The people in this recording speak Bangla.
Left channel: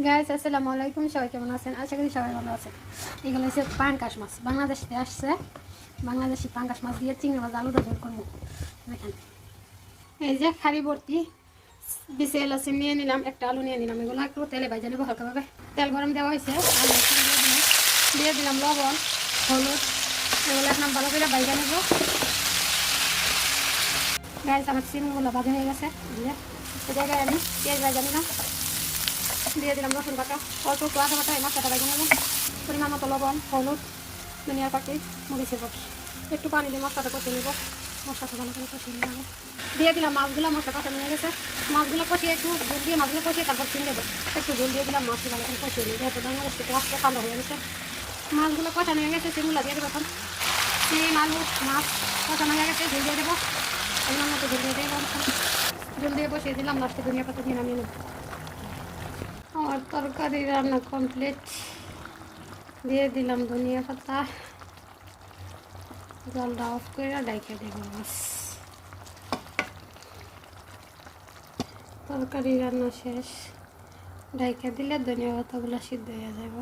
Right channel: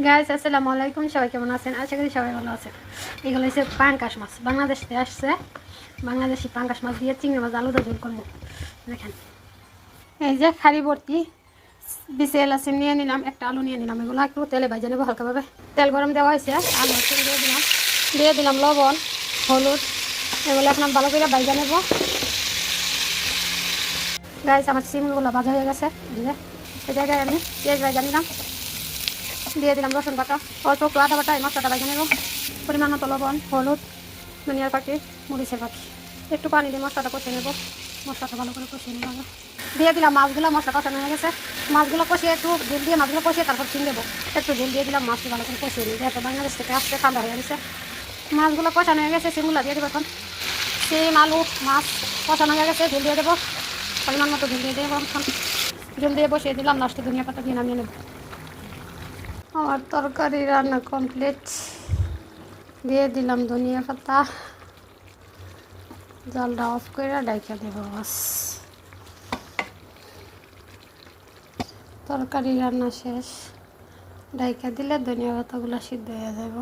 গাইস আসসালামু আলাইকুম, সবাই কেমন আছেন? আশা করি সবাই ভালো আছেন। এগুলো হচ্ছে পাঙ্কাশ মাছ, বাংলাদেশ থেকে আসছে। বাংলাদেশি পাঙ্কাশ মাছ দিয়ে চিংড়ি মাছ আলুটা ঝোল করবো। দেখেন, এই যে খালি ভর্তি বিসেল আছে, নিয়ে নিলাম। একটা আলু নিয়ে নিলাম, এগুলো একটু তেলে ভাজা নেবো হালকাভাবে। তেল গরম দেওয়া হয়েছে, আলু দিয়ে দিলাম লবণ, হলুদ, এগুলো আপনার ভালো করে ভাজা নেবো। গাইস আমার চিংড়িগুলো ভাজা হয়ে গেছে, দিয়ে জায়গায় আমি পেঁয়াজ ভাজা নিলাম, দিয়ে দিলাম রসুন বাটা, অল্প একটু আদা বাটা, এই মশলাটা ভেজে নেব। পরিমাণ মতো লবণ, হলুদ, ধনিয়ার পাতি, মরিচের পাতি, একটু পানি দিয়ে মশলাটা কষিয়ে নেব। মশলাটা ভালো করে কষিয়ে নেব। দিয়ে দিলাম মাছগুলো, মশলা কষানো হয়ে গেছে। মাছগুলো কষিয়ে একটু ঝোল দিয়ে মাছগুলো কষিয়ে তারপর চিন দেবো। একটু ঝোল দিয়ে দিলাম, মাছগুলো ভালো করে কষিয়ে নিই, যাতে বাংলাদেশ থেকে আসতে ঠান্ডা হয়ে গেছে। মাছগুলো কষানো হয়ে গেছে, সেগুলো দিয়ে দেবো এখন। সিম আলু মাছ কষানো হয়ে গেছে, ঝোল দিয়ে দেবো। পরিমাণ মতো ঝোল দিয়ে দেবো। ঝোল দিয়ে বসিয়ে দিলাম, লাস্টে ধনিয়া পাতা দিয়ে নামিয়ে নেব। আমার তরকারি রান্না কমপ্লিট, দিয়ে দিলাম ধনিয়া পাতা, জলটা অফ করে ডাইকা দেব। বাস, তরকারি রান্না শেষ। ডাইকা দিলে ধনিয়া পাতাগুলো সিদ্ধ হয়ে যাব।